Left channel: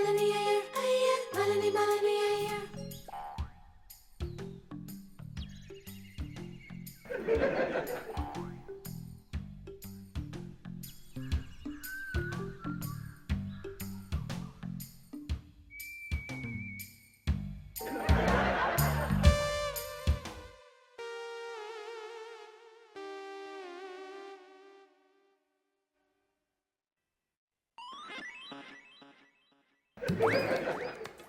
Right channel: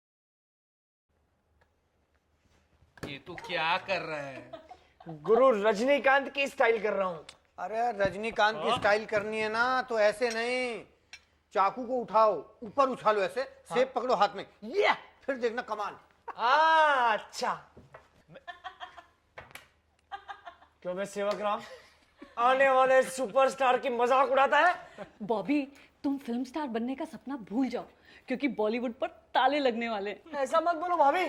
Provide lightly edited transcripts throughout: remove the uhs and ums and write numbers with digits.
ये तू क्या कर रहा है? गुरु रजनीकांत की स्टाइल कर रहा हूँ। अरे रजनीकांत की स्टाइल करनी है ना तो ऐसे नहीं, चाकू को उठाओ, ऊपर उछालो ऐसे, सेब पकड़ो हाथ में, ये फिर देखना कमाल। अच्छा। क्यों मैं सेवक राम आने वाले सुपरस्टार की मजाक उड़ाता है? बॉबी, तुम फिल्म स्टार बनने का सपना भूल जाओ, क्योंकि बॉलीवुड पर ताले लगने वाले। ऐसा मत बोलो भाभी,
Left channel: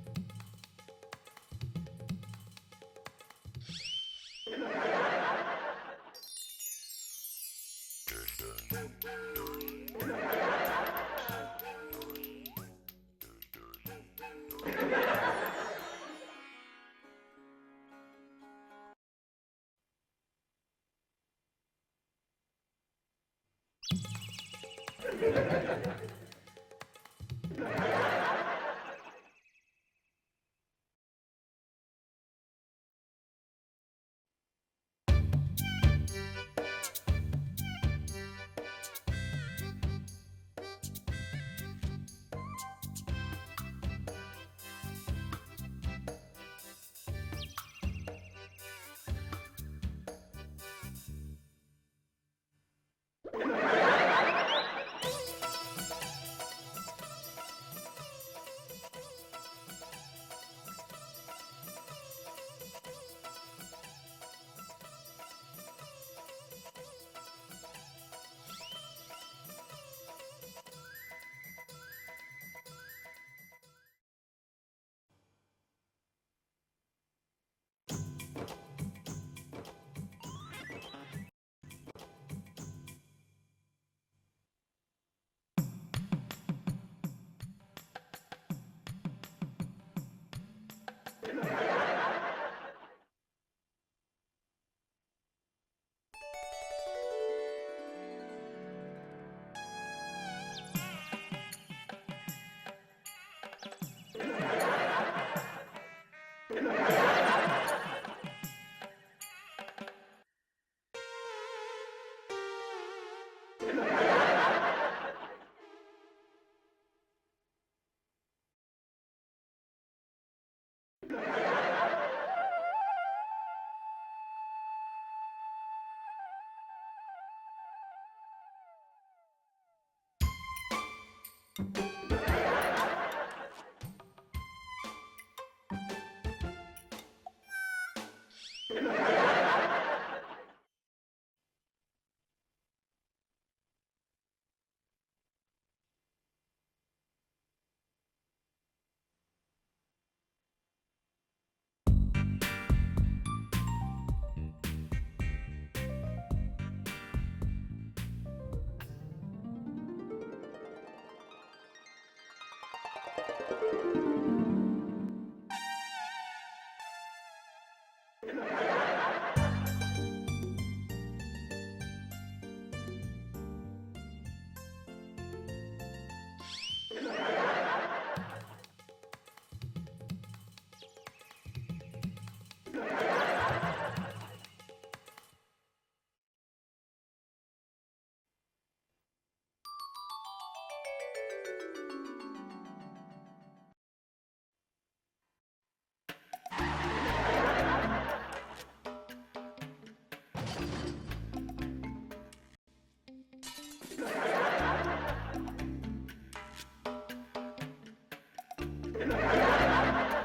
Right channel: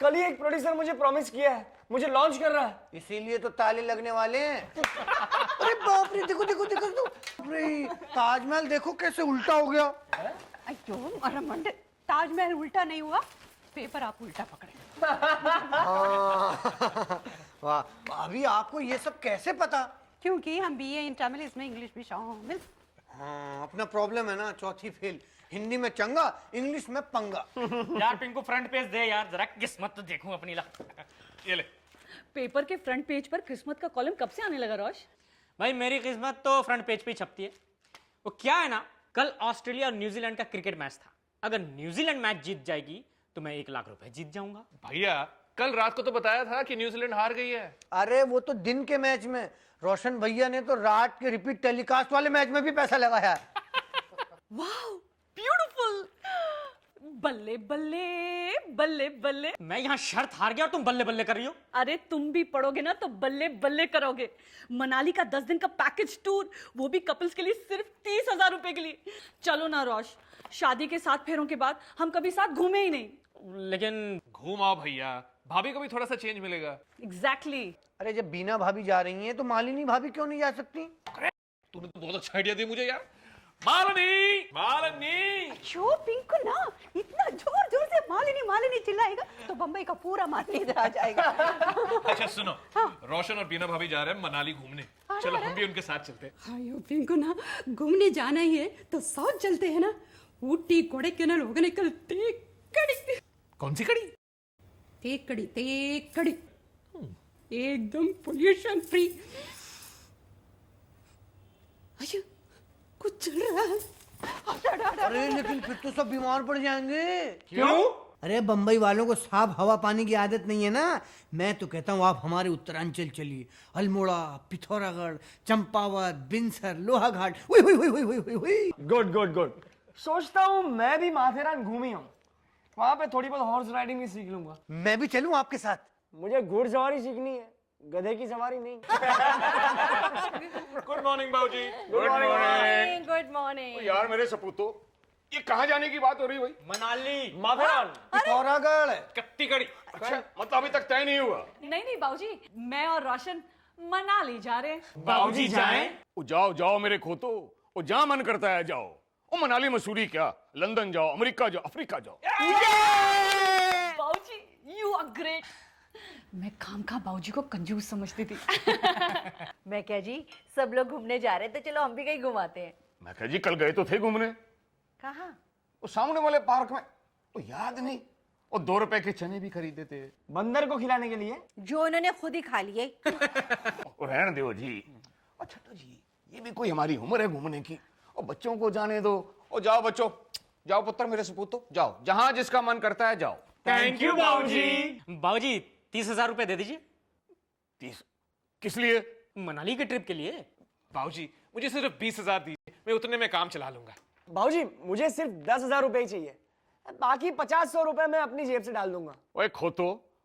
कल ही एक प्रोड्यूसर मुझे प्रॉमिस किया है, मुझे लॉन्च कर रहा है। इसीलिए तो ताले लगने वाले हैं। अरे बाप रे, देखो देखो देखो देखो, अरे ताजमहल देखो कैसे उल्टा हो गया। अरे मंडे, ताजमहल उल्टा नहीं हुआ, पेपर आप उल्टा पकड़े। वाह, अभी आपको ये सब कैसे पता? क्योंकि हम बीए इन तमिल, इसमें इंग्लिश भी शामिल। हाँ, अपना प्रॉब्लम है ना, चौथी फेल, हिंदी में चंगा, इंग्लिश में पंगा। इनको फ्रंट पेज दे यार, जरा किस्मत तो देखूं अपनी। ला ये ले। पेपर के फ्रंट पेज पर किस्मत का कॉलम कब से आने लगा रोश? भाई मेरी किस्मत तो फ्रंट पेज पे ही छपती है। तो क्या है ना, कल ऑस्ट्रेलिया और न्यूजीलैंड का क्रिकेट मैच था। अगर न्यूजीलैंड मैच जीत जाएगी तो मैं 1 लाख रुपए जीत जाऊंगा। भैया कल रात को तो बताया था कि न्यूजीलैंड हार गई है। अरे वो तो दिन के मैच में, रोशन भैया ने तो रात के रिपीट टेलीकास्ट वाले मैच में भी पैसा लगाया है। ब्यूटीफुल। बल्ले बल्ले बल्ले बल्ले। मैं यहाँ शर्त हार गया और तुम बल्ले बल्ले कर रही हो। अरे तुम भी पढ़ोगे ना तो बल्ले बल्ले करोगे। मनाली का 10 दिन का पैकेज टूर, वो भी कपल्स के लिए सिर्फ 30,000 रुपए के लिए। चलो ना रोश, शादी के 7 फेरों के बाद हम कभी साथ घूमे ही नहीं। लेकिन घूम आओ भैया, भाभी को भी थोड़ा सा चेंज मिलेगा। एग्जैक्टली। अरे जब बीना भाभी जा रही हैं तो मालिनी भाभी क्यों नहीं जा सकती? तूने तो बहुत अच्छा आइडिया दी मुझे यार। मालिनी, मालिनी। जो पिंकू ना इतना जोर जोर से मालिनी मालिनी चिल्लाएगा तो बम्बई का पूरा मालिनी इधर आ जाएगा। अच्छा सुनो, रोशन और बीना भाभी जा रहे हैं मनाली घूमने। चलो हम भी उनके साथ चलते हैं। पिंकू ना घूमने जाना ही है तो साउथ चलते हैं ना, ऊटी कोडाइकनाल होगने कल कड़ी। कौन सी कड़ी? कड़ी एकदम पोल्यूशन फ्री। कुछ चल रहा है। अरे लेकिन फिर तो सब बीमार पड़ जाएंगे। क्यों? अरे बम्बई वालों को साफ हवा पानी की आदत नहीं है ना। मैं तो कहता हूँ आप हमारे उत्तरांचल चलिए, Almora, Pithoragarh, Champawat, Binsar, Lohaghat. Good good good. सोचता हूँ मैं भी माथेरान घूमी हूँ, वहाँ पे थोड़ी बहुत हॉर्स राइडिंग भी सीख लूंगा। मैं भी चलूँ आपके साथ? मुझे घुड़सवारी सीखनी है, गधे की सवारी नहीं। गुड मॉर्निंग बाबूजी। Good morning. Good morning. यार मेरे सपूतों, ये कहाँ जाने की बात हो रही भाई? मनाली, माथेरान, पिथौरागढ़। कत्ती कड़ी। अच्छा मतलब अभी तक तय नहीं हुआ? नहीं बाबूजी, मैं और रोशन मनाली जा रहे हैं। बाबूजी जाएं? जाओ जाओ मेरे खोतो, वो जहाँ मन करता है जाओ। वो मनाली मसूरी क्या, लंदन जाओ, अमेरिका जाओ, अफ्रीका जाओ। बाबूजी यू आर ग्रेट। मैं खामखा बाबूजी को कंजूस समझती थी। मैं क्या जी, सब लोग घूमने जा रहे हैं तो चलो हम भी कहीं घुमाते हैं। मैं कहा जी कल गए तो थे घूमने, कहाँ? वो सामने वाले पार्क में। और 2 रुपए के चने भी खरीदे थे। बंदर को खिलाने के लिए। जो इन्होंने खुद ही खा लिए। तो रहने दो जी। अच्छा तो जी, ये भी कोई हमारी उम्र है घूमने की? और बच्चों को जाने दो। और जाओ बच्चों, जाओ पुत्र मेरे सपूतों, जाओ जहां जिसका मन करता है जाओ। थैंक यू बाबूजी। बाबूजी 30,000 रुपए दे दीजिए। किस लिए? मनाली के ट्रिप के लिए। बाबूजी मुझे सिर्फ 20,000 दीजिए, मैं उतने में काम चला लूंगा। भाजी मुझे सिर्फ 10,000 रुपए ही चाहिए, बाकी 50-100 रुपए मैं अपनी जेब से डाल दूंगा। मैं खोटू,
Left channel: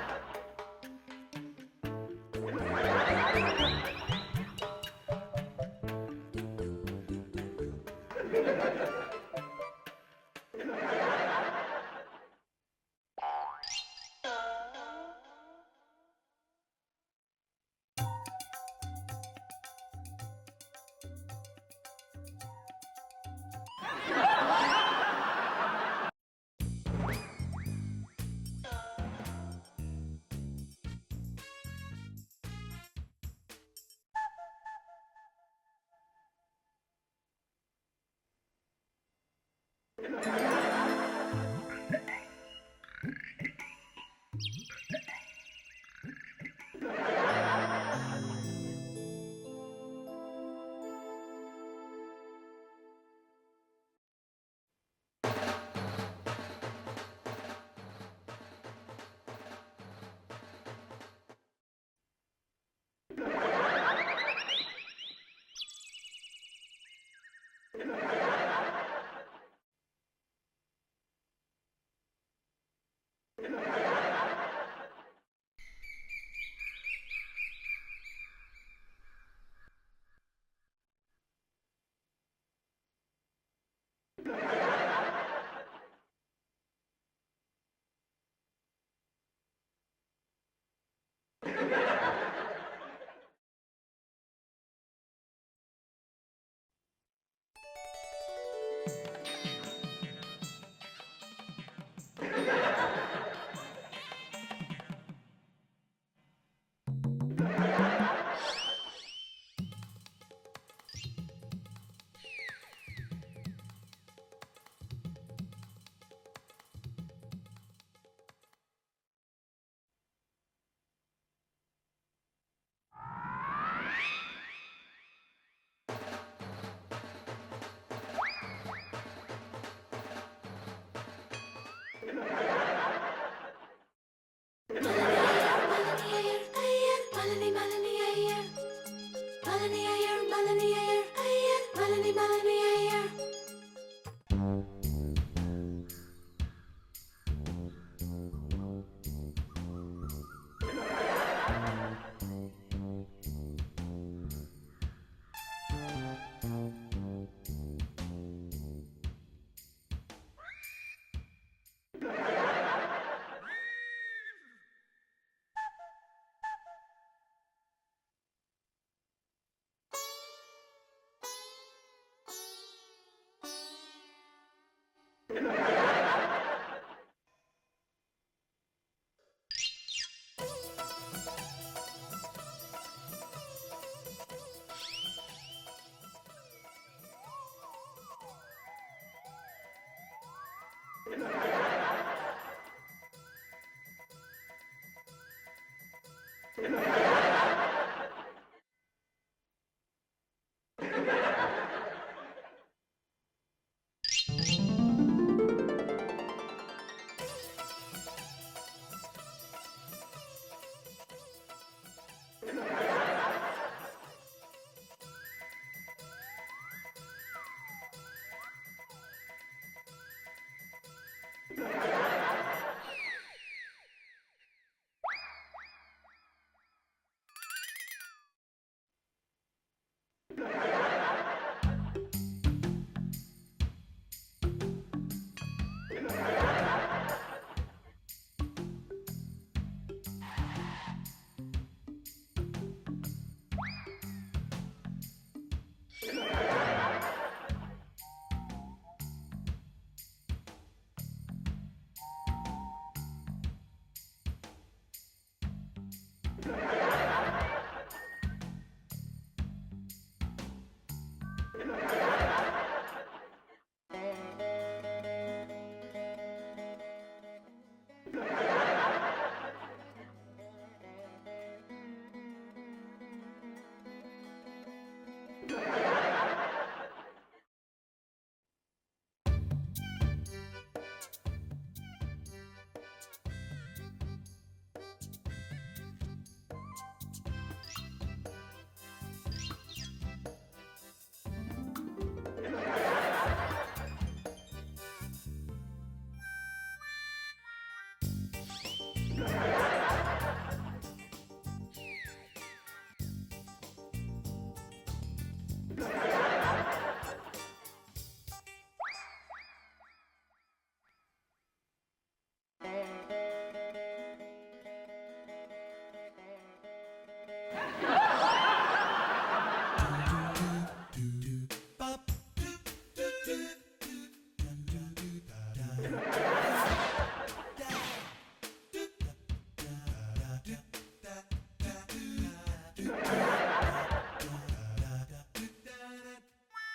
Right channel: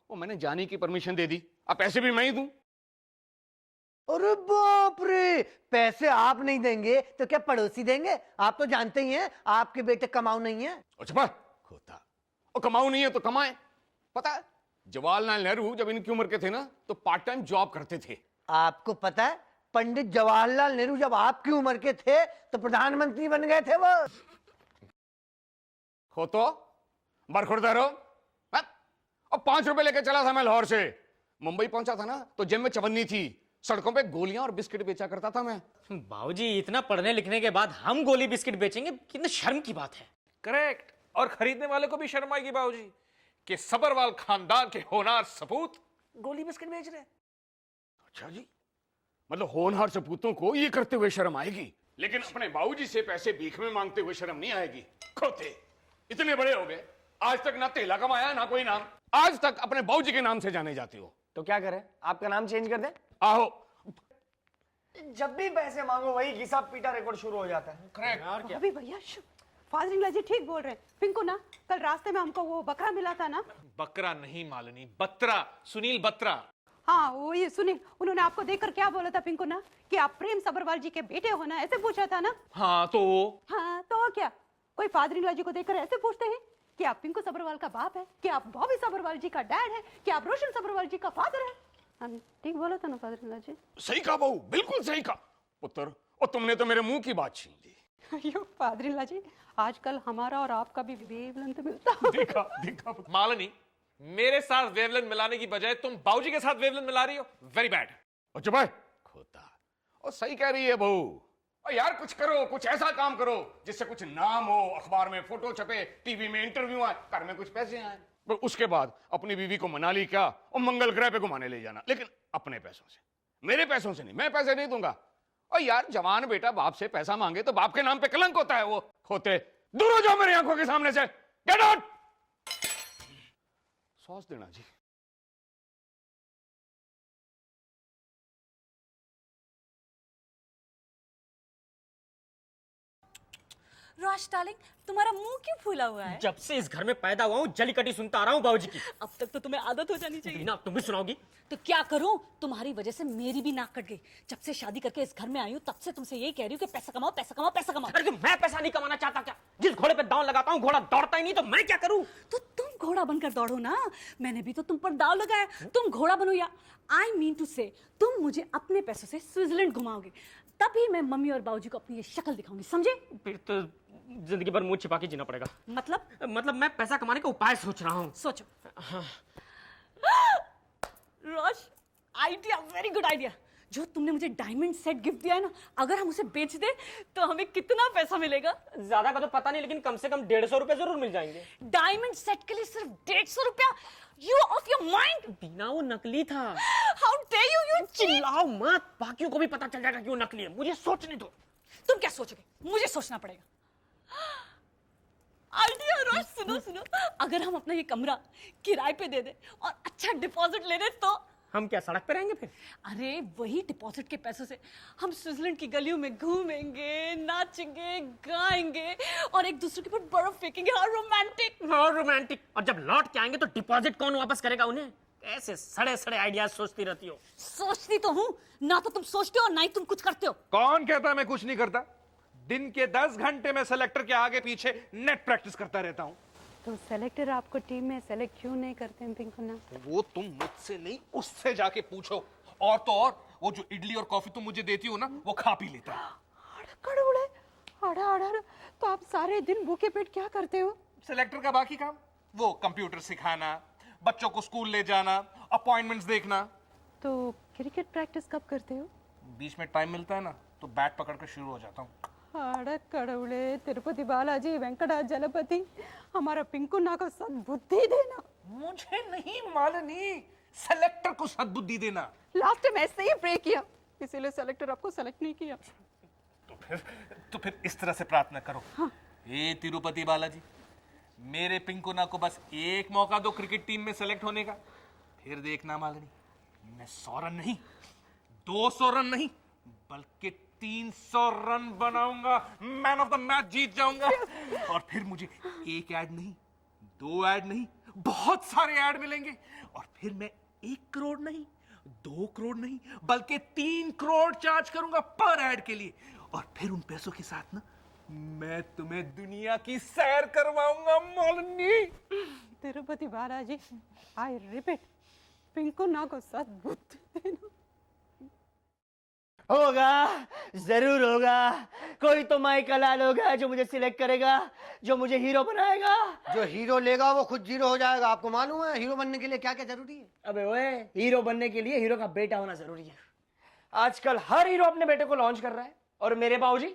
तो मैंने जाने की परमिशन दे दी, अब पैसे भी मैं ही दूं। अरे बाप रे, पैसे आप नहीं देंगे तो क्या पड़ोसी देंगे? आप तो जानते ही हैं आपके बेटे कमाऊ नहीं है। और कमाऊ नहीं है तो कमाए। पता है जवाहरलाल नेहरू जब इनकी उम्र के थे ना तो पार्ट टाइम जॉब करते थे। आपको पता है पंडित जवाहरलाल नेहरू जब आपकी उम्र के थे तो प्रधानमंत्री बन गए थे वो। हो तो बरखुरदार हो। अब 5 रुपए लेके चला था मैं लाहौर से, मुंबई पहुंचा था ना तो जेब में चवन्नी थी, सड़कों पे गोलियां और बिस्किट बेचा करता था मैं। बाबूजी इतना पढ़ने लिखने के बाद हम गोली बिस्किट बेचेंगे, कितने शर्म की बात है। और खरीदने वाले को भी शर्म आएगी बाबूजी कि सबरवाल खानदान के होनहार सपूत गोली बिस्किट बेच रहे हैं। मतलब होनहार सपूतों को ये करते हुए शर्म आएगी, लेकिन अपने बाबूजी से पैसे भीख में मांगते हुए शर्म नहीं आएगी। इतने बड़े हो गए आज तक ना तेला कमाया ना कोई नाम, आज तक अपने बाबूजी के नाम से जाने जाती है। तो क्या करें, आपका नाम चेंज कर दें? आहो, जब भी पैसे मांगो वही घिसा पीटा रिकॉर्ड शुरू हो जाता है। फादर जी ठीक बोल रहे हैं। पिंकू ना, कल रास्ते में हमको वो बकरा मिला था ना। बत्रा नहीं मालिनी, बत्रा, सुनील बत्रा। हाँ वो ये सुनिए, उन्होंने आपको देखकर क्या बोला था पिंकू ना, कि आप प्रेम सब्रवाल जी के बेटे हो ना, ऐसे पूछा था ना। हाँ तो हाँ तो क्या, कोई फादर जी को देखकर ऐसे पूछते हैं कि आप पिंकू सब्रवाल का बाप है, कि आप बॉबी सब्रवाल जी का डैड है, कि आप रोशन सब्रवाल जी का फादर है। ठीक बोला था ना फादर जी? सही कहा बहू, बिल्कुल सही कहा पुत्र। और तुमने तो मेरे मुंह की बात छीन ली। अयो फादर जी, आजकल हमारा और आपका भी वेवलेंथ मिलता है। मालिनी, मेरे साथ वेवलेंथ मिलाने की बजाय तुम बाबूजी के साथ वेवलेंथ मिला रही हो। Very bad. चुप है। और सही कह रही है बहू। और यार कुछ करो, कुछ ऐसा काम करो जिससे कुछ नाम हो, अखबार में फोटो छपे, टीवी में इंटरव्यू आए, घर में कुछ पैसे आए। पर उसके बाद अपनी बीवी को मनाली क्या और मंगल ग्रह पे घुमाने ले जाना, लेकिन अपने पैसों से, मेरे पैसों से। मैं पैसे नहीं दूंगा। और यार जवान बेटा बाप से पैसा मांगे तो बाप के नाम पे कलंक होता है। वो होते दूर हो जाओ मेरी आंखों के सामने से। Get out. सॉस देना जी। रोश डार्लिंग, तुम्हारा मुंह क्यों फूला हुआ है? जब से इस घर में पैदा हुआ हूँ जलीकटी सुनता आ रहा हूँ बाबूजी की। अब तक तो तुम्हें आदत हो जानी चाहिए। ना तुम भी सुनाओगी? तो क्या करूं, तुम्हारी वजह से मेरी भी नाक कट गई। जब से शादी करके इस घर में आई हूँ तब से तुमसे यही कह रही हूँ कि पैसा कमाओ, पैसा कमाओ, पैसा कमाओ। अरे तो मैं पैसा नहीं कमाना चाहता क्या? जिस घोड़े पे दांव लगाता हूँ घोड़ा दौड़ता ही नहीं, तो मैं क्या करूँ? तुम घोड़ा बनकर दौड़ो ना। मैंने भी तो तुम पर दाव लगाया, तुम घोड़ा बनो। या आई मीन टू से तुम मुझे अपने पैसों से स्विट्जरलैंड घुमाओगे, तभी मैं मम्मी और बाबूजी को अपनी ये शक्ल दिखाऊंगी, समझे? फिर तो जिंदगी भर मुंह छिपा के जीना पड़ेगा। मतलब मैं पैसा कमाने का उपाय सोच रहा हूँ। सोचो। रोश, आइडिया, वेरी गुड आइडिया। जो तुमने मुझे डायमंड सेट गिफ्ट दिया है ना, अगर हम उसे बेच दे तो हमें कितना पैसा मिलेगा? ज्यादा का तो पता नहीं, लेकिन कम से कम 150 रुपए जरूर मिल जाएंगे। डायमंड सेट के लिए सिर्फ 150 रुपया? You off your mind? बिना वो नकली था। How dare you? You चिल्लाओ मत, बाकियों को भी पता चल जाएगा कि वो नकली है। मुझे सोच। तुम क्या सोचोगे? मुझे सोचना पड़ेगा। आइडिया रोश, सुनो सुनो, अगर हम अपना ये कमरा किराए पे दे दे और अच्छा डिपॉजिट ले दे तो हम क्या सड़क पे रहेंगे फिर? ये वही डिपॉजिट के पैसों से हम स्विट्जरलैंड की गलियों में घूमेंगे, नाचेंगे, गाएंगे और एक दूसरे के ऊपर बर्फ फेंकेंगे। How romantic. और रोमांटिक। और जब लौट के आएंगे तो डिपॉजिट कौन वापस करेगा उन्हें? ऐसे सड़े सड़े आइडियाज सोचती रहती हो। सोचती तो हूँ, ना तो तुम सोचते हो ना ही तुम कुछ करते हो। कौन कहता मैं कुछ नहीं करता? दिन के 10 घंटे में सेलेक्टर के आगे पीछे नेट प्रैक्टिस करता रहता हूँ। सेलेक्टर आपको टीम में सेलेक्ट क्यों नहीं करते हैं पिंकू ना? वो तुम मुझसे नहीं, उससे जाके पूछो। और तो और वो जो इडली और कॉफी तुम मुझे देती हो ना, वो खा पी लेता है। अड़ा तो आप सारे दिन भूखे पेट क्या करते हो? सेलेक्टर का बाकी काम, वो कंप्यूटर सिखाना, बच्चों को स्कूल ले जाना, अपॉइंटमेंट्स देखना। तो क्रिकेट प्रैक्टिस कब करते हो? बीच में टाइम मिलता है ना तो बैट पकड़ कर शुरू हो जाता है। कड़वड़े तिरुपति बालाजी वेंकटा जलपति, हमारा पिंकू ना को सद्बुद्धि देना। नहीं मालिनी, सेलेक्टर को सद्बुद्धि देना। लास्ट टाइम ऐसे ही प्रे किया, इसीलिए सेलेक्टर आपको सेलेक्ट नहीं किया। तो फिर इस तरह से प्रार्थना करो। हे तिरुपति बालाजी, मेरे पिंकुना को बस एक मौका दो क्रिकेट टीम में सेलेक्ट होने का। फिर देखना मालिनी, मैं 100 रन नहीं, 200 रन नहीं, बल्कि 300 रन बनाऊंगा। मैन ऑफ द मैच जीत जाऊंगा। और फिर मुझे एक ऐड नहीं, 2 ऐड नहीं, बहुत सारे ऐड मिलेंगे। फिर मैं 1 करोड़ नहीं, 2 करोड़ नहीं, बल्कि 3 करोड़ चार्ज करूंगा पर ऐड के लिए। और फिर उन पैसों के साथ ना मैं तुम्हें दुनिया की सैर करवाऊंगा मालिनी। तिरुपति बालाजी, आई रिपीट, पिंकू ना को सद्बुद्धि। होगा, जरूर होगा। कोई तो माइकल होगा जो मुझे सिलेक्ट करेगा, जो मुझे हीरो बनाएगा। जो हीरो लेगा वो खुद जीरो हो जाएगा। आपको मालूम है हीरो बनने के लिए क्या क्या जरूरी है? अबे ओए, हीरो बनने के लिए हीरो का बेटा होना जरूरी है। आजकल हर हीरो अपने बेटे को लॉन्च कर रहा है, और मेरे बाबूजी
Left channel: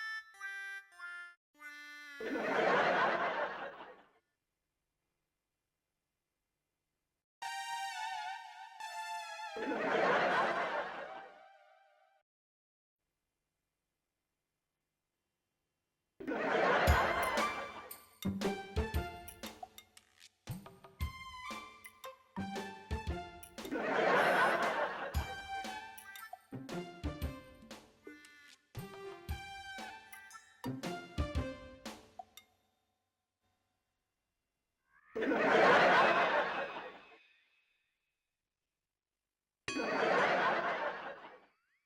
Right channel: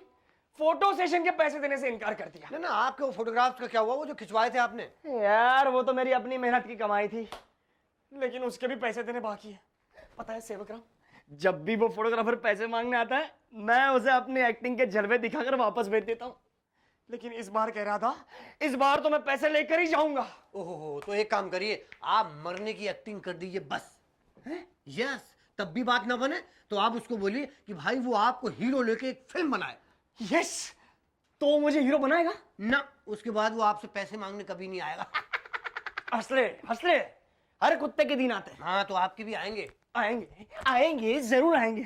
फोटो सेशन के पैसे देने से इनकार कर रहे हैं। आपको फोटोग्राफ का क्या हुआ, वो जो खिंचवाए थे आपने? यार वो तो मेरी अपनी मेहनत की कमाई थी, लेकिन उसके भी पैसे देने बाकी है। जब भी वो फोटोग्राफर पैसे मांगने आता है, मैं उसे अपनी एक्टिंग के जलवे दिखाकर वापस भेज देता हूँ। लेकिन इस बार कह रहा था, इस बार तो मैं पैसे लेकर ही जाऊंगा। ओहो, तो एक काम करिए, आप मरने की एक्टिंग कर दीजिए बस। या तब भी बात ना बने तो आप उसको बोलिए कि भाई वो आपको हीरो लेके एक फिल्म बनाए। यस, तो वो मुझे हीरो बनाएगा ना, उसके बाद वो आपसे पैसे मांगने कभी नहीं आएगा। हंस रहे, हर कुत्ते के दिन आते हैं। हाँ, तो आपके भी आएंगे। आएंगे, जरूर आएंगे।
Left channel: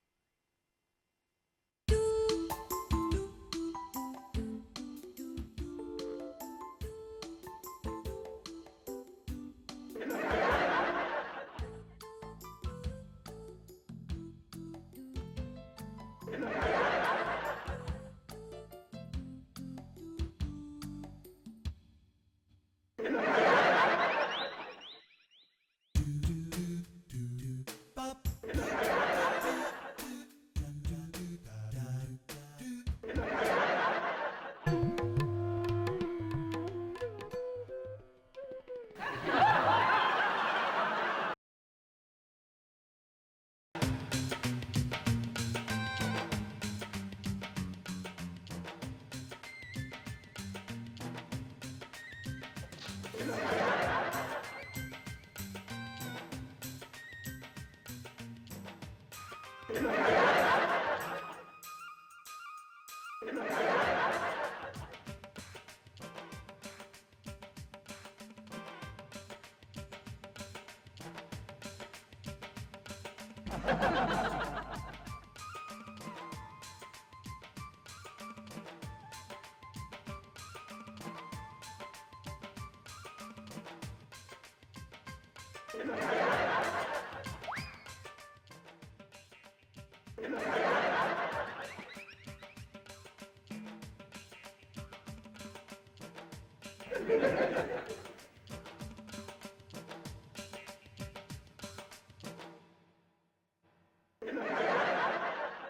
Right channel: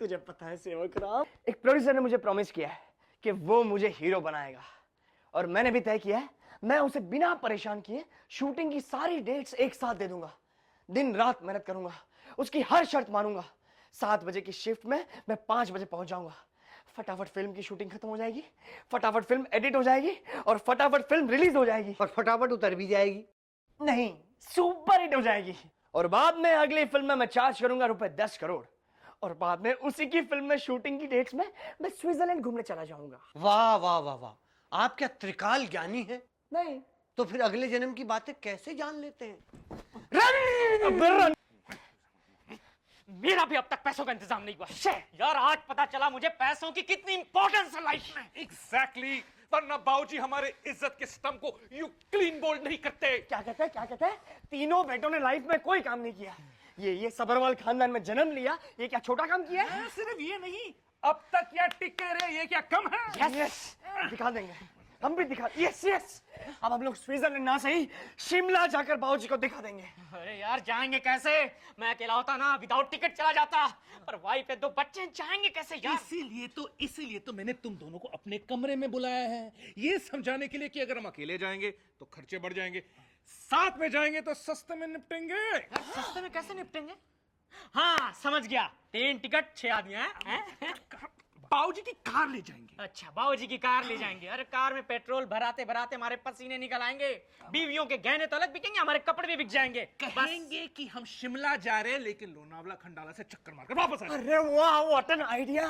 तुझे पता है सेवक राम, एक प्रोड्यूसर ने मुझे प्रॉमिस किया है कि वो मुझे हीरो बनाएगा, और मैंने भी तय किया है मैं उसे बिना परेशान किए शूटिंग की सारी डेट्स एक साथ दे दूंगा। दिन रात मेहनत करूंगा, उसकी हर शर्त मानूंगा। 7 बजे की शिफ्ट में मैं 5 बजे पहुंच जाऊंगा। फटाफट फिल्म की शूटिंग खत्म हो जाएगी, फटाफट फिल्म एडिट हो जाएगी, और फटाफट फिल्म रिलीज हो जाएगी। और फटाफट उतर भी जाएगी। नहीं, सुपर हिट हो जाएगी। और बाद में अगली फिल्म में मैं चार्ज करूंगा ₹10 करोड़, और बाद में उसी की फिल्म में शूटिंग की डेट्स में मैं स्विट्जरलैंड घूमने चला जाऊंगा। वाह वाह वाह वाह, आप क्या त्रिकाल ज्ञानी है? नहीं, तो फिर अगले जन्म की बातें कैसे जान लेते? मेरा भी अब तक पैसों का इंतजाम नहीं हुआ। यार आज पता चला मुझे पैसों की कितनी इंपॉर्टेंस है लाइफ में। एग्जैक्टली, वरना बाबूजी हमारे इज्जत के स्तंभ को यूं क्लीन बोल्ड नहीं करते। तीनों बेटों ने लाइफ में कोई काम नहीं किया। ये सबरवाल खानदान में जन्म लिया, ये क्या छोटा काम किया है? अब तक क्या टिके रहे, ये क्या कम है? यस, दिखा देंगे, हम भी दिखा। यस, अब हम लोग स्विट्जरलैंड ना सही शिमला जाकर बाबूजी को दिखा देंगे। अरे यार जाएंगे कैसे? मैं अकेला होता ना विदाउट टिकट चला जाता। भाई फिर तो बच्चे जाएंगे कैसे यार? इसीलिए तो मैंने तुम दोनों को अपने कमरे में बुलाया है, ये समझाने के लिए कि अगर हम अकेले जाएंगे तो खर्चे बढ़ जाएंगे, साथ में जाएंगे तो सस्ते में निपटेंगे। हाँ समझ गया, 3 टिकट 6 आदमी हैं? बाबूजी की कार ले जाएंगे। अच्छा बाबूजी की कार ले जाएंगे। अरे कार में पेट्रोल भराते भराते हमारे पसीने निकल आएंगे। बीवियों के गहने तो अलग बिकेंगे, हमारे कपड़े भी बिक जाएंगे। कहेंगे कि हम शिमला जा रहे हैं लेकिन लोनावला खंडाला से चक्कर मारकर वापस आए। अरे वाह, व्हाट एन आइडिया।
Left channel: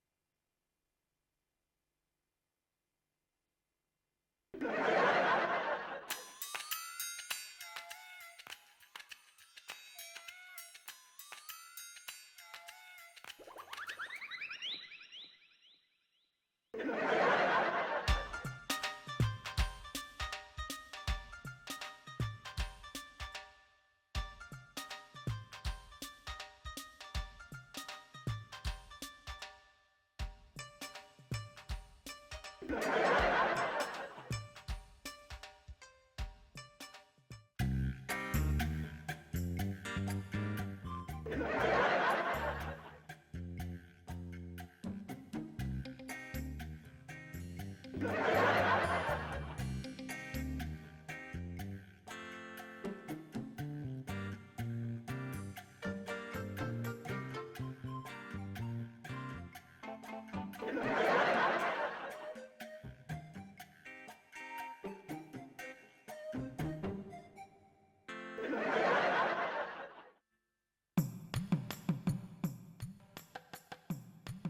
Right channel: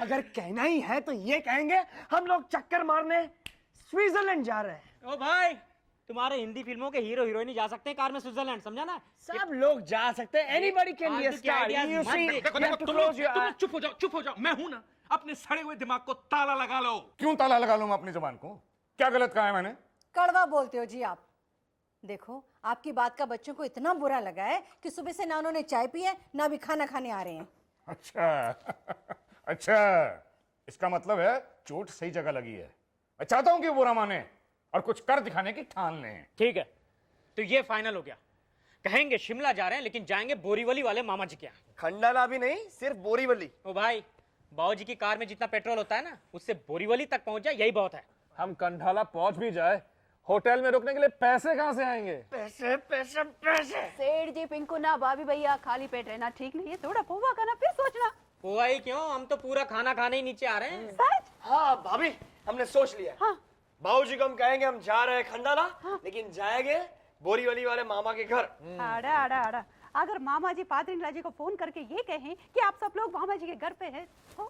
अगर कहना ही है तो ये कहेंगे हम लोग चक्कर मारने स्विट्जरलैंड जा रहे हैं। भाई तुम्हारे हिंदी फिल्मों के हीरो हीरोइन जा सकते हैं कार में स्विट्जरलैंड, समझा ना? सब लोग जा सकते हैं, anybody can be a star. You see, तुम चुप हो जाओ, मैं हूं ना, अपने सड़े हुए दिमाग को ताला लगा लो। क्यों ताला लगा लूंगा अपनी जुबान को? क्या गलत कहा है मैंने? कड़वा बोलते हो जी आप। देखो आपकी बात का बच्चों को इतना बुरा लगा है कि सुबह से ना उन्होंने चाय पी है ना भी खाना खाने आ रहे हैं। अच्छा, इसका मतलब है चोट सही जगह लगी है। चाहता हूँ कि बुरा माने और कुछ कर दिखाने की ठान लें। ठीक है, तो ये फाइनल हो गया। कहेंगे शिमला जा रहे हैं लेकिन जाएंगे बोरीवली वाले मामा जी के। खंडाला भी नहीं, सिर्फ बोरीवली। ओ भाई, बाबूजी की कार में जितना पेट्रोल होता है ना, उससे बोरीवली तक पहुंच जाए यही बहुत है। हम कंठाला पहुंच भी जाए, होटल में रुकने के लिए पैसे कहाँ से आएंगे? पैसे पैसे पैसे। सेठ जी, पिंकू ना, भाभी भैया, खाली पेट रहना ठीक नहीं है, थोड़ा पोहा खाना फिर सोचना। हुआ ही क्यों, हम तो पूरा खाना खाने ही नीचे आ रहे हैं। हाँ भाभी, हमने सोच लिया। बाबूजी को हम कहेंगे हम जा रहे हैं खंडाला, लेकिन जाएंगे बोरीवली वाले मामा के घर। अरे अगर मामा जी पादरिंगला जी को फोन करके ये कहें कि आप सब लोग मामा जी के घर पे हैं तो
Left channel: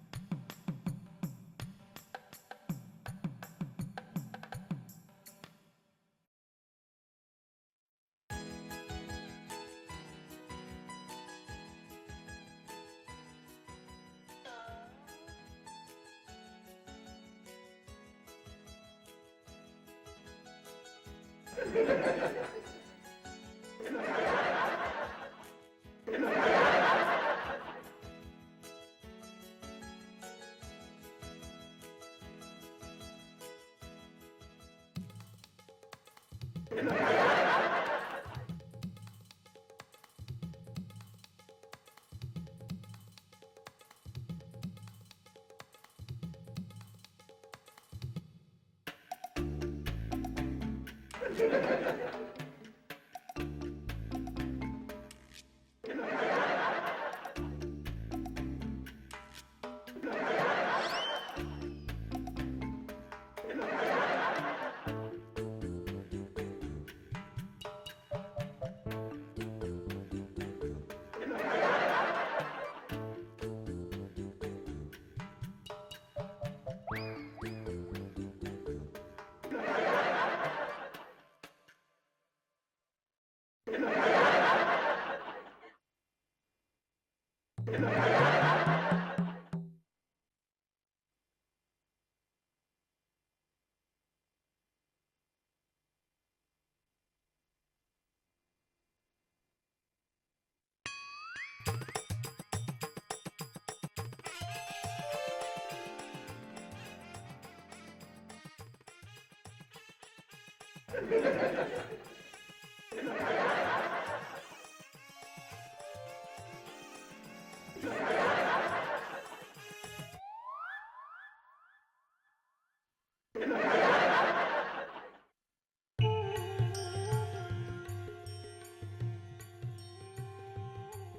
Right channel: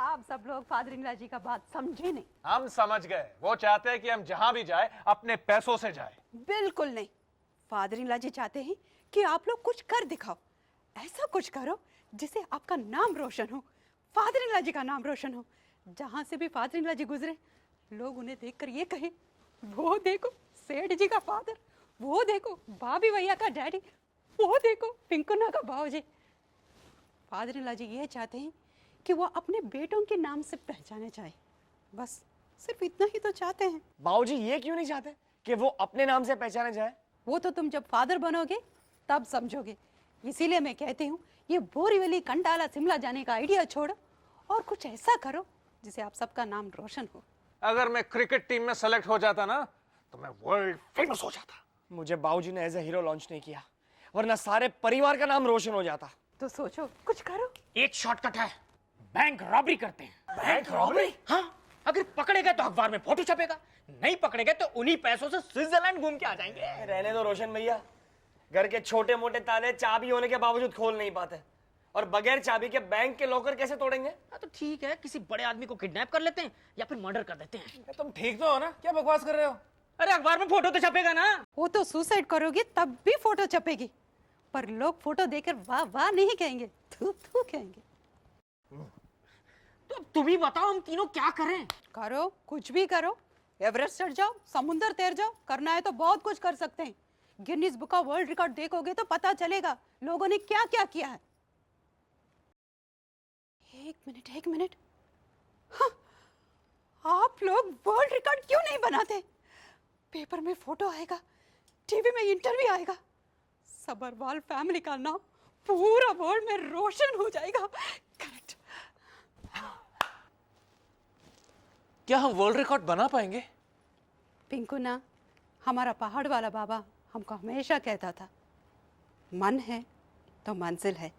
आप सब लोग पादरिंगला जी का बात समझे नहीं। हम समझ गए, वो चाहते हैं कि हम जहाँ भी जाए अपने पैसों से जाए। बिल्कुल नहीं, फादरिंगला जी चाहते हैं कि आप लोग कुछ कर दिखाओ, ऐसा कुछ करो जिससे आपका नाम रोशन हो, फादरिंगला जी का नाम रोशन हो। जहाँ से भी फादरिंगला जी गुजरे लोग उन्हें देखकर ये कहे, वो देखो सेठ जी का फादर, वो देखो भाभी भैया का डैडी, वो देखो पिंकुना का भाऊजी। फादरिंगला जी ये चाहते हैं कि वो अपने बेटों के नाम से पहचाने जाए, बस सिर्फ इतना ही तो चाहते हैं। बाबूजी ये क्यों नहीं चाहते कि वो अपने नाम से पहचाने जाए? वो तो तुम जब फादर बनोगे तब समझोगे। इसीलिए मैं कहती हूँ ये बोरीवली कंडाला शिमला जाने का आइडिया छोड़ो और कुछ ऐसा करो जिससे आप सबका नाम रोशन हो। अगर मैं क्रिकेट टीम में सेलेक्ट हो जाता ना, मुझे बाबूजी ने एज ए हीरो लॉन्च नहीं किया, वरना सारे परिवार का नाम रोशन हो जाता। तो सोचो कुछ करो। एक शॉर्टकट है, बैंक रॉबरी करते हैं। Bank robbery? हाँ, अगर पकड़े गए तो अखबार में फोटो छपेगा, नहीं पकड़े गए तो उन्हीं पैसों से स्विट्जरलैंड घूम के आ जाएंगे। रहने दो रोशन भैया, घर के छोटे मोटे ताले चाबी होने के बावजूद खोल नहीं पाते, और बगैर चाबी के बैंक के लॉकर कैसे तोड़ेंगे? तो ठीक है, किसी बड़े आदमी को किडनैप कर लेते हैं या फिर मर्डर कर देते हैं। तुम ठीक तो हो ना? क्या बकवास कर रहे हो? अरे अखबार में फोटो तो छपेगा ना। वो तो सुसाइड करोगे तब भी फोटो छपेगी, पर लोग फोटो देखकर वाह वाह नहीं कहेंगे, थू थू कहेंगे। तो अब तुम ही बताओ हम तीनों क्या करें? करो, कुछ भी करो। एवरेस्ट चढ़ जाओ, समुंदर तैर जाओ, करना है तो बहुत कुछ कर सकते हैं। Guinness book of world record देखोगे तो पता चलेगा लोगों ने क्या क्या किया है। एक मिनट। हाँ, आप लोग वर्ल्ड रिकॉर्ड क्यों नहीं बनाते? पेपर में फोटो आएगा, टीवी में इंटरव्यू आएगा, सबरवाल फैमिली का नाम पूरा वर्ल्ड में रोशन हो जाएगा। क्या हम वर्ल्ड रिकॉर्ड बना पाएंगे? पिंकू ना, हमारा पहाड़ वाला बाबा हमको हमेशा कहता था, मन है तो मंजिल है।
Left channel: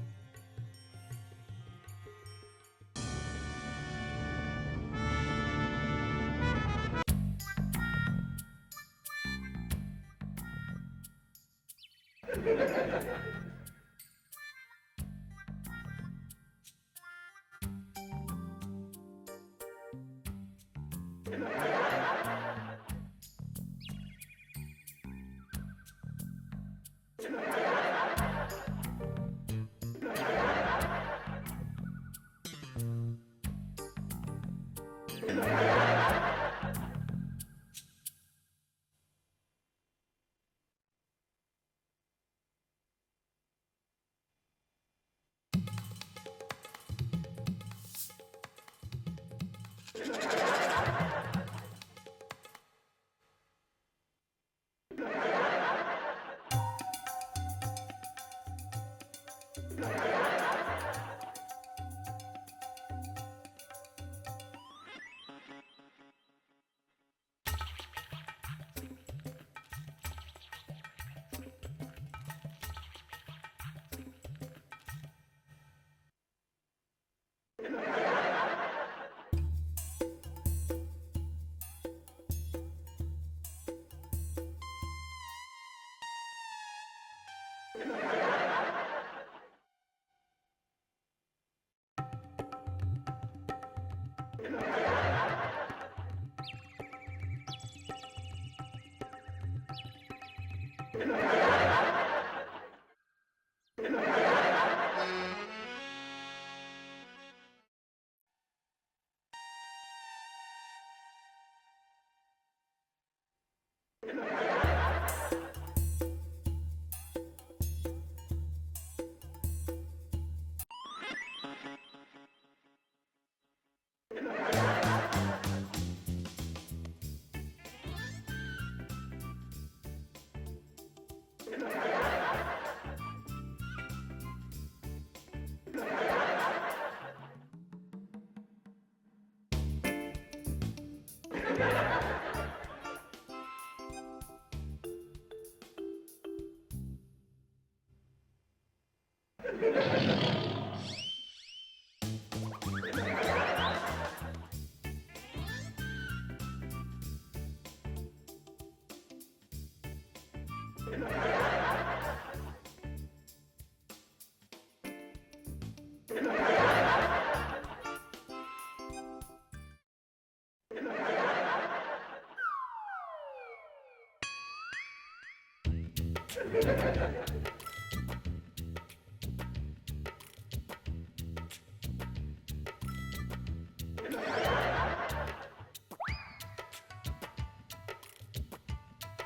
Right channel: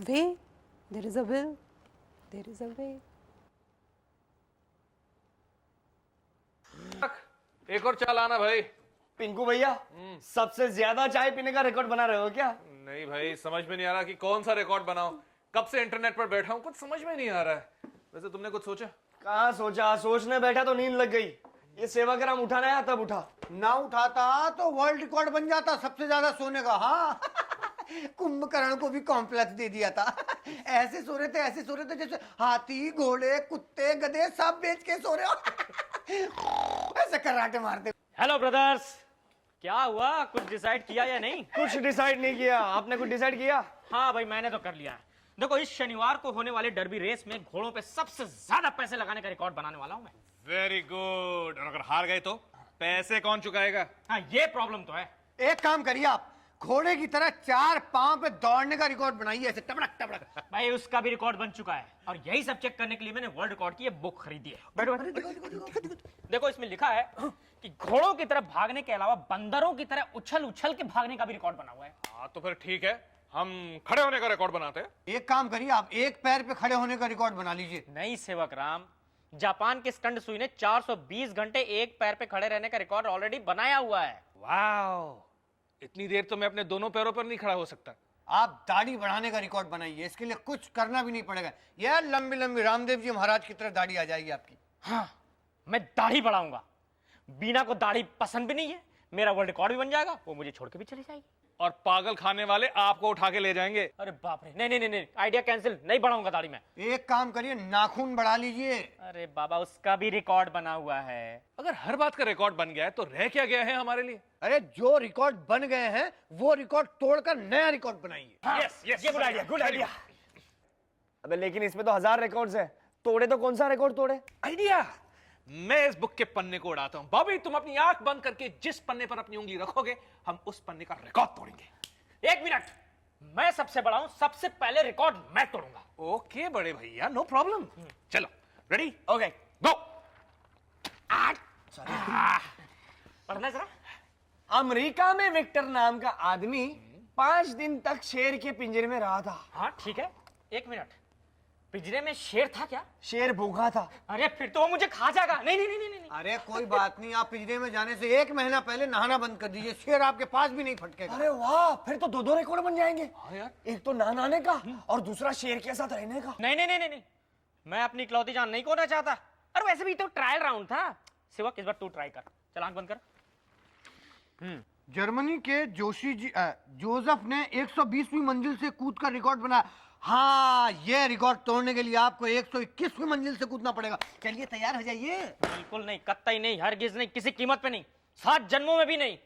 Way, there is a will, there is a way. एक और चाल आना भाई। पिंकू भैया, सबसे ज्यादा चाय पीने का रिकॉर्ड बना रहे हो क्या? नहीं भाई, समझ में नहीं आ रहा कि कौन सा रिकॉर्ड बनाऊं। कब से इंटरनेट पर बैठा हूं, कुछ समझ में नहीं आ रहा है। वैसे तुमने कुछ सोचा? कहाँ सोचा, सोचने बैठा तो नींद लग गई। तो सेवाग्राम उठाना है तब उठा। ना उठाता तो वर्ल्ड रिकॉर्ड बन जाता सबसे ज्यादा सोने का। हाँ, कुंभकर्ण को भी कॉम्प्लेक्स दे दिया था। ऐसे सो रहे थे जैसे हाथी, घोड़े, कुत्ते, गधे सब बेच के सो रहे हो। ऐसे कराटे मारते। हेलो ब्रदर्स, क्या हुआ? कुछ डिसाइड किया या नहीं? कुछ डिसाइड नहीं किया। आपने कुछ डिसाइड किया? हाँ भाई, मैंने तो कर लिया है। देखो, इस शनिवार को होने वाले डर्बी रेस में घोड़ों पे सबसे ज्यादा पैसे लगाने का रिकॉर्ड बनाने वाला हूँ। Very good. और अगर हार गए तो पैसे कौन चुकाएगा? हाँ, ये प्रॉब्लम तो है। एक काम करिए आप, घोड़े की तरह 4 पांव पे दौड़ने का रिकॉर्ड बनाइए, ऐसे टपड़क टपड़क। भाई, उसका भी रिकॉर्ड बन चुका है और यही सब चेक करने के लिए मैंने वर्ल्ड रिकॉर्ड की ये बुक खरीदी है। बैठो। देखो, इसमें लिखा है कि घोड़ों की तरह भागने के अलावा बंदरों की तरह उछल उछल के भागने का भी रिकॉर्ड बना हुआ है। हाँ तो फिर ठीक है, हम खड़े होने का रिकॉर्ड बनाते हैं। एक काम करिए आप, एक पैर पे खड़े होने का रिकॉर्ड बना लीजिए। नहीं सेवकराम, जापान के स्कंद सुई ने 420 घंटे एक पैर पे खड़े रहने का रिकॉर्ड ऑलरेडी बनाया हुआ है। वाओ, इतनी देर तो मैं अपने दोनों पैरों पर नहीं खड़ा हो सकता। आप दाढ़ी बढ़ाने का रिकॉर्ड बनाइए, इसके लिए कुछ करना भी नहीं पड़ेगा। यार लंबी लंबी रामदेव जी महाराज की तरह दाढ़ी आ जाएगी आपकी। मैं दाढ़ी बढ़ाऊंगा। बीना को दाढ़ी पसंद भी नहीं है। मेरा वर्ल्ड रिकॉर्ड भी बन जाएगा, वो मुझे छोड़ के भी चले जाएगा। बस पागल खाने वाले आपको उठा के ले जाएंगे। नहीं, आइडिया कैंसिल। नहीं बढ़ाऊंगा दाढ़ी मैं। एक काम करिए, नाखून बढ़ा लीजिए। अरे बाबा, उसका भी रिकॉर्ड बना हुआ है। अगर हर बात का रिकॉर्ड बन गया है तो रह क्या गया है हमारे लिए? अरे जो रिकॉर्ड बन गए हैं वो रिकॉर्ड तोड़कर नया रिकॉर्ड बनाइए। यस, ये गुड आइडिया, गुड आइडिया। अबे लेकिन इसमें तो 1000 रिकॉर्ड्स हैं। तोड़े तो कौन सा रिकॉर्ड तोड़े? मैं इस बुक के पन्ने को उड़ाता हूँ। बॉबी, तुम अपनी आंख बंद करके जिस पन्ने पर अपनी उंगली रखोगे, हम उस पन्ने का रिकॉर्ड तोड़ेंगे। एक मिनट, मैं सबसे बड़ा हूँ, सबसे पहले रिकॉर्ड मैं तोड़ूंगा। ओके बड़े भैया, नो प्रॉब्लम। चलो, रेडी? ओके, गो। पढ़ना जरा। अमेरिका में विक्टर नाम का आदमी 5 दिन तक शेर के पिंजरे में रहा था। एक मिनट, पिंजरे में शेर था क्या? शेर भूखा था। अरे फिर तो वो मुझे खा जाएगा। नहीं। अरे कोई बात नहीं, आप पिंजरे में जाने से 1 महीना पहले नहाना बंद कर दीजिए, शेर आपके पास भी नहीं फटकेगा। अरे वाह, फिर तो 2 रिकॉर्ड बन जाएंगे। एक तो नहाने का और दूसरा शेर के साथ रहने का। नहीं, मैं अपनी इकलौती जान नहीं खोना चाहता। अरे वैसे भी तो ट्रायल राउंड था। शिवा, इस बार तू ट्राई कर। चल, आंख बंद कर। जर्मनी के जोसेफ ने 120वीं मंजिल से कूद कर रिकॉर्ड बनाया। हाँ, ये रिकॉर्ड तोड़ने के लिए आपको 121वीं मंजिल से कूदना पड़ेगा। चलिए, तैयार हो जाइए। बिल्कुल नहीं, कतई नहीं, हरगिज नहीं, किसी कीमत पे नहीं, 7 जन्मों में भी नहीं।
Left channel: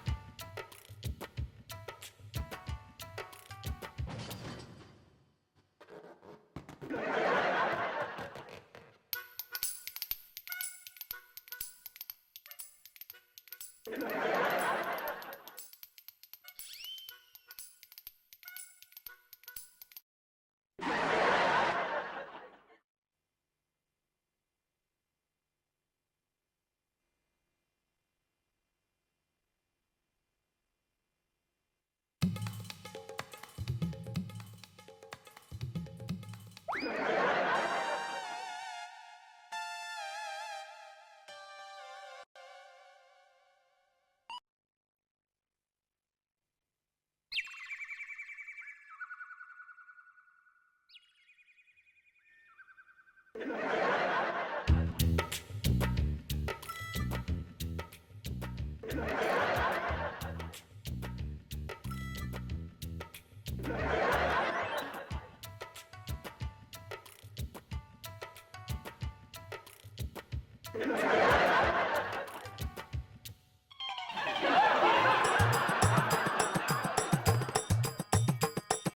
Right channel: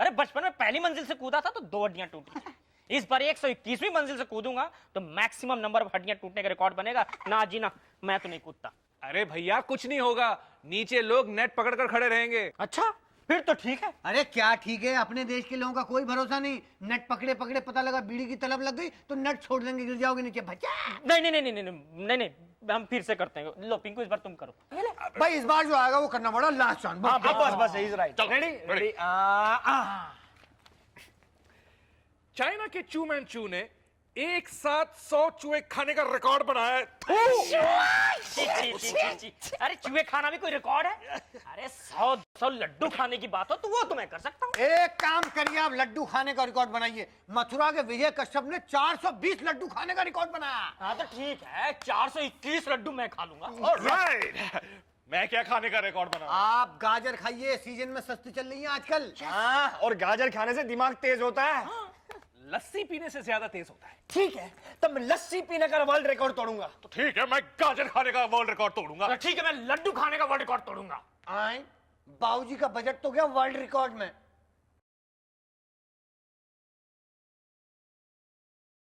अरे बचपन में पहली मंजिल से कूदा था तो 2 हड्डियां टूटी। इस बार 121वीं मंजिल से कूदूंगा तो मैक्सिमम नंबर ऑफ हड्डियां टूटने का रिकॉर्ड बनेगा। ना जी ना, मैं तो नहीं कूदता। अरे भैया, कुछ नहीं होगा। नीचे लोग नेट पकड़कर खड़े रहेंगे। अच्छा, फिर तो ठीक है। अरे क्या ठीक है, अपने देश के लोगों का कोई भरोसा नहीं। नेट पकड़े पकड़े पता लगा बीड़ी की तलब लग गई तो नेट छोड़ देंगे, गिर जाओगे नीचे। बच्चा नहीं, हम फिर से करते हैं। लो पिंकू, इस बार तुम करो। भाई, इस बार जो आएगा वो करना पड़ा लास्ट चांस। बस इज राइट। रेडी? चाइना के चू मैन चू ने एक साथ 100 चूहे खाने का रिकॉर्ड बनाया है। अरे चूहे खाना भी कोई रिकॉर्ड है? अरे 100 लड्डू खाने की बात हो तो वो तो मैं कर सकता हूँ। एक काम करिए, आप लड्डू खाने का रिकॉर्ड बनाइए। मथुरा के विजय कश्यप ने 420 लड्डू खाने का रिकॉर्ड बनाया। हाँ तो ठीक है, 421 लड्डू मैं खा लूंगा। मैं क्या खाने का रिकॉर्ड बना? आप गाजर खाइए, सीजन में सस्ती चल रही है आजकल। हाँ, और गाजर खाने से दिमाग तेज होता है। लस्सी पीने से ज्यादा तेज है। ठीक है, तब लस्सी पीने का वर्ल्ड रिकॉर्ड तोड़ूंगा। तो ठीक है, मैं गाजर खाने का वर्ल्ड रिकॉर्ड तोड़ूंगा। ठीक है, मैं लड्डू खाने का वर्ल्ड रिकॉर्ड तोड़ूंगा। बाबूजी का बजट तो गया वर्ल्ड रिकॉर्ड में।